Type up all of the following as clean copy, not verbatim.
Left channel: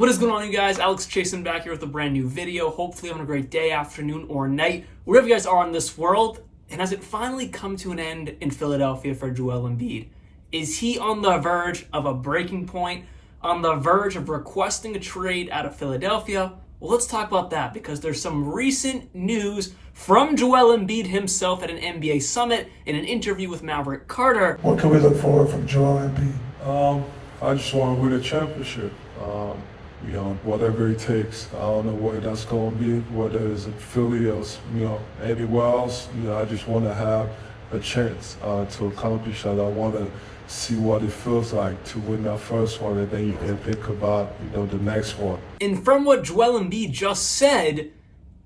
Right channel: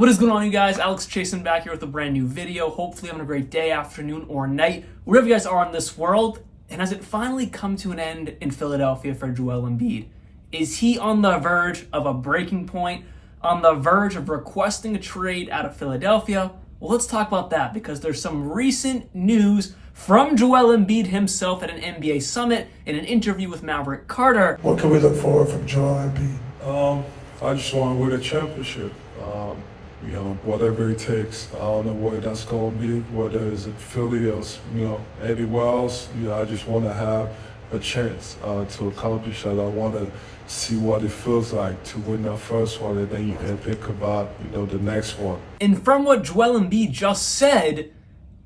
What is going on, you guys? Alex Chasen back here with a brand new video. Hopefully having a great day, afternoon, or night, wherever you guys are in this world. And has it finally come to an end in Philadelphia for Joel Embiid? Is he on the verge of a breaking point? On the verge of requesting a trade out of Philadelphia? Well, let's talk about that because there's some recent news from Joel Embiid himself at an NBA summit in an interview with Maverick Carter. What can we look forward from Joel Embiid? I just want to win a championship. Whatever it takes. I don't know where that's going to be, whether it's in Philly or, anywhere else. I just want to have a chance to accomplish that. I want to see what it feels like to win that first one, and then you can think about, the next one. And from what Joel Embiid just said,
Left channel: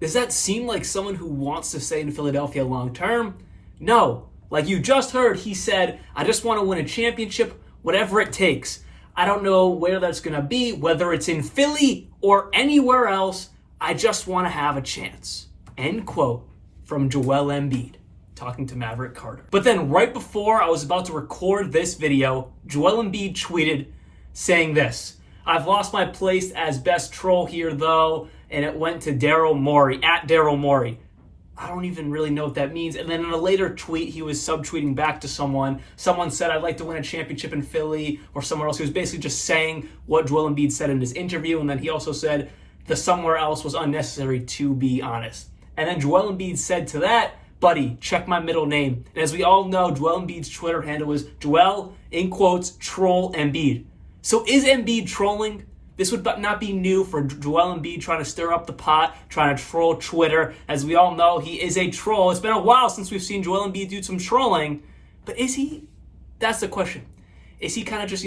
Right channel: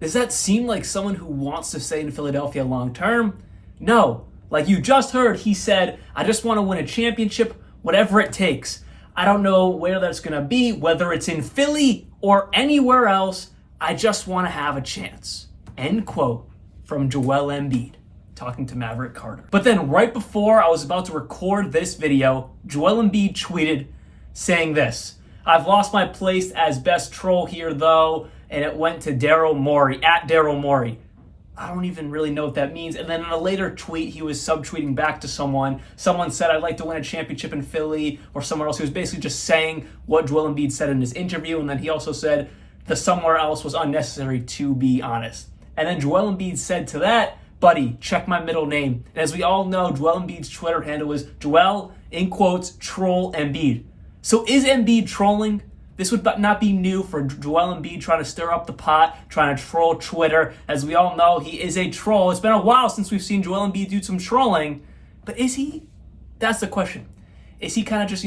does that seem like someone who wants to stay in Philadelphia long term? No. Like you just heard, he said, I just want to win a championship, whatever it takes. I don't know where that's going to be, whether it's in Philly or anywhere else. I just want to have a chance. End quote from Joel Embiid talking to Maverick Carter. But then right before I was about to record this video, Joel Embiid tweeted saying this: I've lost my place as best troll here though, and it went to Daryl Morey, at Daryl Morey. I don't even really know what that means. And then in a later tweet, he was subtweeting back to someone. Someone said, I'd like to win a championship in Philly, or somewhere else. He was basically just saying what Joel Embiid said in his interview. And then he also said the somewhere else was unnecessary, to be honest. And then Joel Embiid said to that, buddy, check my middle name. And as we all know, Joel Embiid's Twitter handle is Joel, in quotes, troll Embiid. So is Embiid trolling? This would not be new for Joel Embiid trying to stir up the pot, trying to troll Twitter. As we all know, he is a troll. It's been a while since we've seen Joel Embiid do some trolling. But is he? That's the question. Is he kind of just,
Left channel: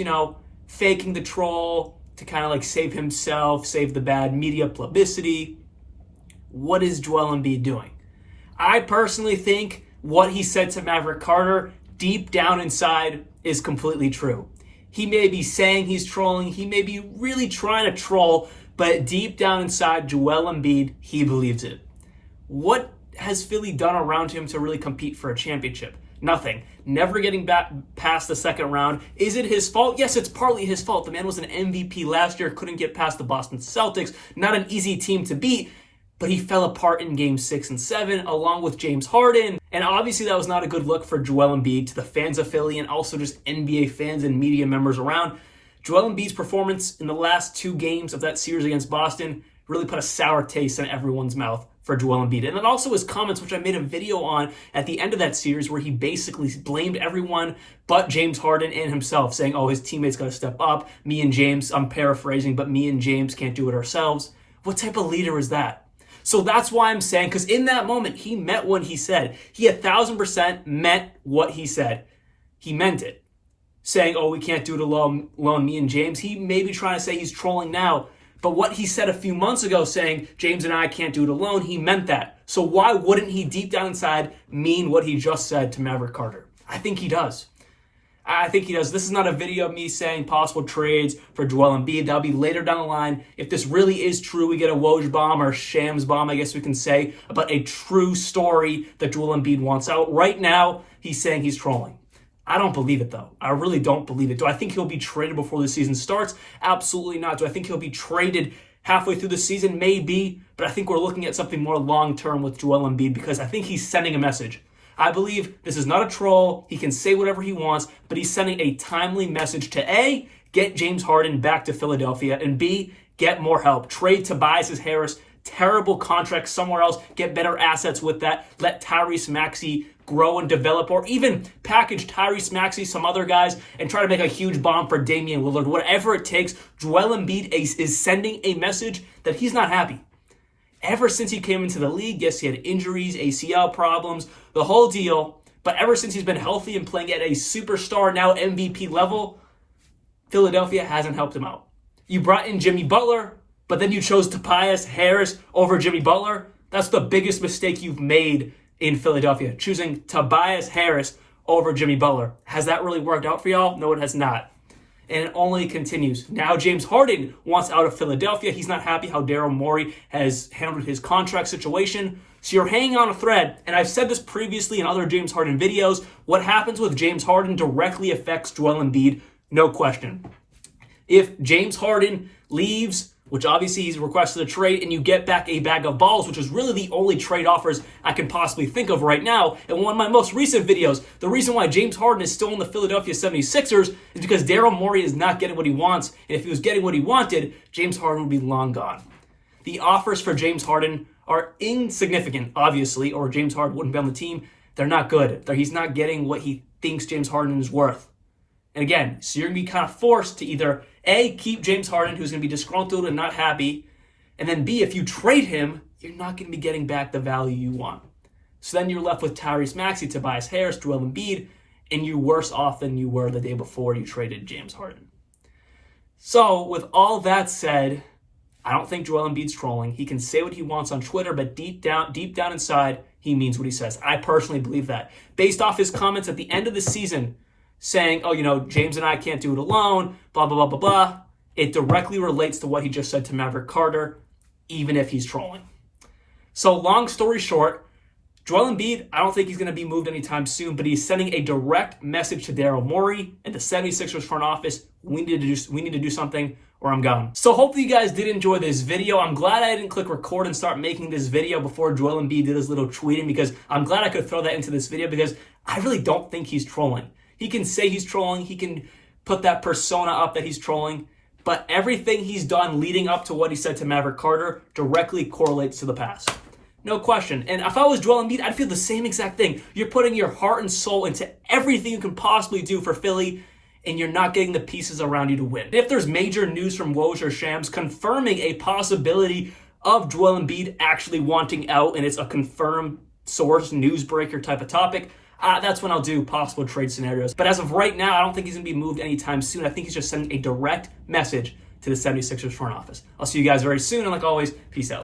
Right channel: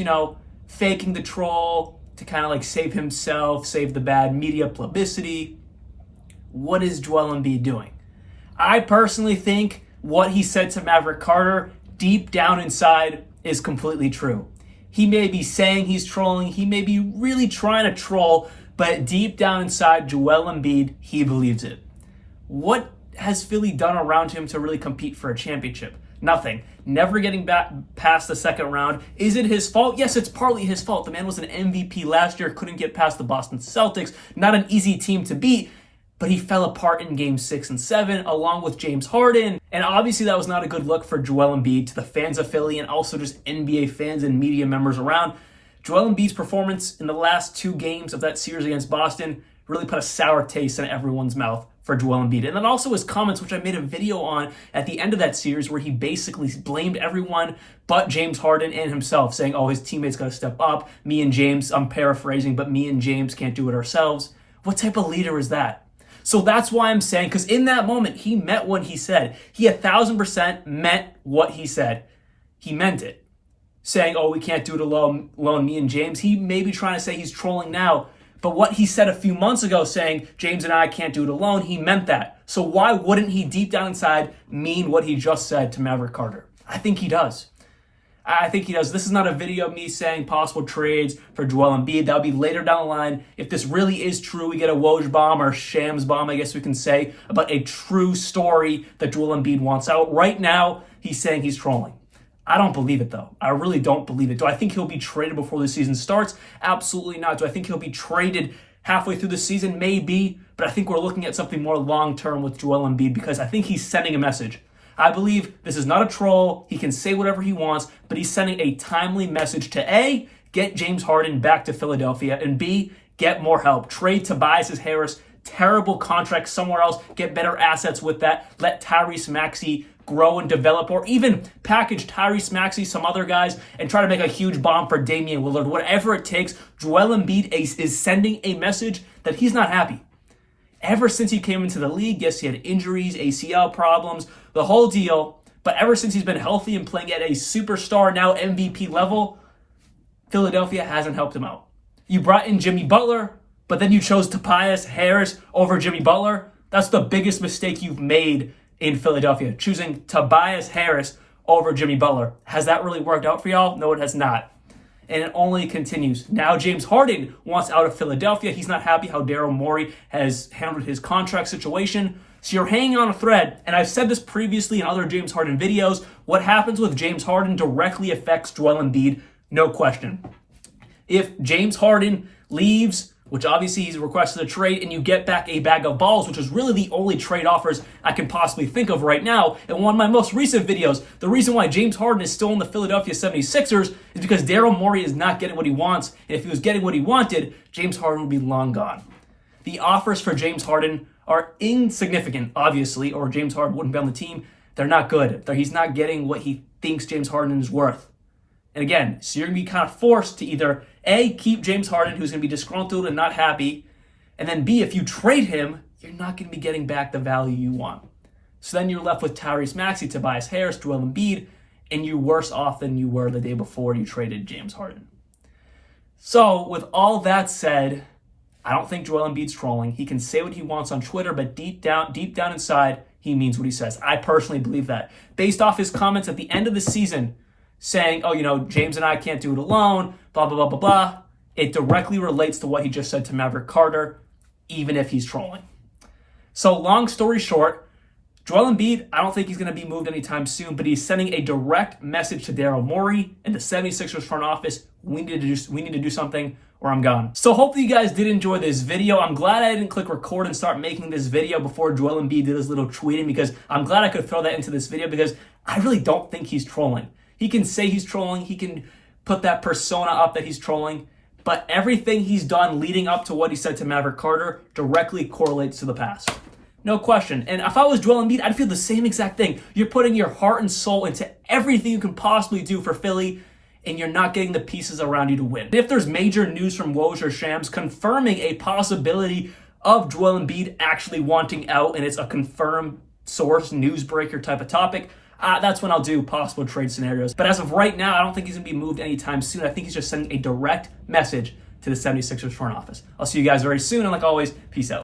faking the troll to kind of like save himself, save the bad media publicity? What is Joel Embiid doing? I personally think what he said to Maverick Carter deep down inside is completely true. He may be saying he's trolling, he may be really trying to troll, but deep down inside, Joel Embiid, he believes it. What has Philly done around him to really compete for a championship? Nothing. Never getting back past the second round. Is it his fault? Yes, it's partly his fault. The man was an MVP last year, couldn't get past the Boston Celtics. Not an easy team to beat, but he fell apart in Games 6 and 7, along with James Harden. And obviously that was not a good look for Joel Embiid, to the fans of Philly, and also just NBA fans and media members around. Joel Embiid's performance in the last two games of that series against Boston really put a sour taste in everyone's mouth for Joel Embiid. And then also his comments, which I made a video on at the end of that series, where he basically blamed everyone but James Harden and himself, saying, his teammates got to step up. Me and James, I'm paraphrasing, but me and James can't do it ourselves. What type of leader is that? So that's why I'm saying, because in that moment, he meant what he said. He 1,000% meant what he said. He meant it. Saying, we can't do it alone, me and James. He may be trying to say he's trolling now. But what he said a few months ago, saying, James and I can't do it alone, he meant that. So why wouldn't he deep down inside mean what he just said to Maverick Carter? I think he does. This is not a video of me saying possible trades for Joel Embiid. That'll be later down the line. If this really is true, we get a Woj bomb or Shams bomb, I guess we can say, about a true story that Joel Embiid wants out. Right now, he's saying he's trolling. I don't believe it, though. I really don't believe it. Do I think he'll be traded before the season starts? Absolutely not. Do I think he'll be traded halfway through the season? Maybe. But I think we're looking at something more long-term with Joel Embiid, because I think he's sending a message. I believe this is not a troll. He can say whatever he wants, but he's sending a timely message to A, get James Harden back to Philadelphia, and B, get more help. Trade Tobias Harris, terrible contract somewhere else, get better assets with that. Let Tyrese Maxey grow and develop, or even package Tyrese Maxey, some other guys, and try to make a huge bomb for Damian Lillard. Whatever it takes, Joel Embiid is sending a message that he's not happy. Ever since he came into the league, yes, he had injuries, ACL problems, the whole deal. But ever since he's been healthy and playing at a superstar, now MVP level, Philadelphia hasn't helped him out. You brought in Jimmy Butler, but then you chose Tobias Harris over Jimmy Butler. That's the biggest mistake you've made in Philadelphia, choosing Tobias Harris over Jimmy Butler. Has that really worked out for y'all? No, it has not. And it only continues. Now James Harden wants out of Philadelphia. He's not happy how Daryl Morey has handled his contract situation. So you're hanging on a thread. And I've said this previously in other James Harden videos. What happens with James Harden directly affects Joel Embiid, no question. If James Harden leaves which obviously he's requested a trade, and you get back a bag of balls, which is really the only trade offers I can possibly think of right now. And one of my most recent videos, the reason why James Harden is still in the Philadelphia 76ers is because Daryl Morey is not getting what he wants, and if he was getting what he wanted, James Harden would be long gone. The offers for James Harden are insignificant, obviously, or James Harden wouldn't be on the team. They're not good. He's not getting what he thinks James Harden is worth. And again, so you're going to be kind of forced to either A, keep James Harden, who's going to be disgruntled and not happy, and then B, if you trade him, you're not going to be getting back the value you want. So then you're left with Tyrese Maxey, Tobias Harris, Joel Embiid, and you're worse off than you were the day before you traded James Harden. So with all that said, I don't think Joel Embiid's trolling. He can say what he wants on Twitter, but deep down inside, he means what he says. I personally believe that. Based off his comments at the end of the season, saying, oh, James and I can't do it alone, blah, blah, blah, blah, blah. It directly relates to what he just said to Maverick Carter, even if he's trolling. So long story short, Joel Embiid, I don't think he's going to be moved anytime soon, but he's sending a direct message to Daryl Morey and the 76ers front office. We need to do something or I'm gone. So hopefully you guys did enjoy this video. I'm glad I didn't click record and start making this video before Joel Embiid did his little tweeting, because I'm glad I could throw that into this video, because I really don't think he's trolling. He can say he's trolling, he can put that persona up that he's trolling, but everything he's done leading up to what he said to Maverick Carter directly correlates to the past. No question. And if I was Joel Embiid, I'd feel the same exact thing. You're putting your heart and soul into everything you can possibly do for Philly, and you're not getting the pieces around you to win. If there's major news from Woj or Shams confirming a possibility of Joel Embiid actually wanting out, and it's a confirmed source, newsbreaker type of topic, that's when I'll do possible trade scenarios. But as of right now, I don't think he's going to be moved anytime soon. I think he's just sending a direct message to the 76ers front office. I'll see you guys very soon, and like always, peace out.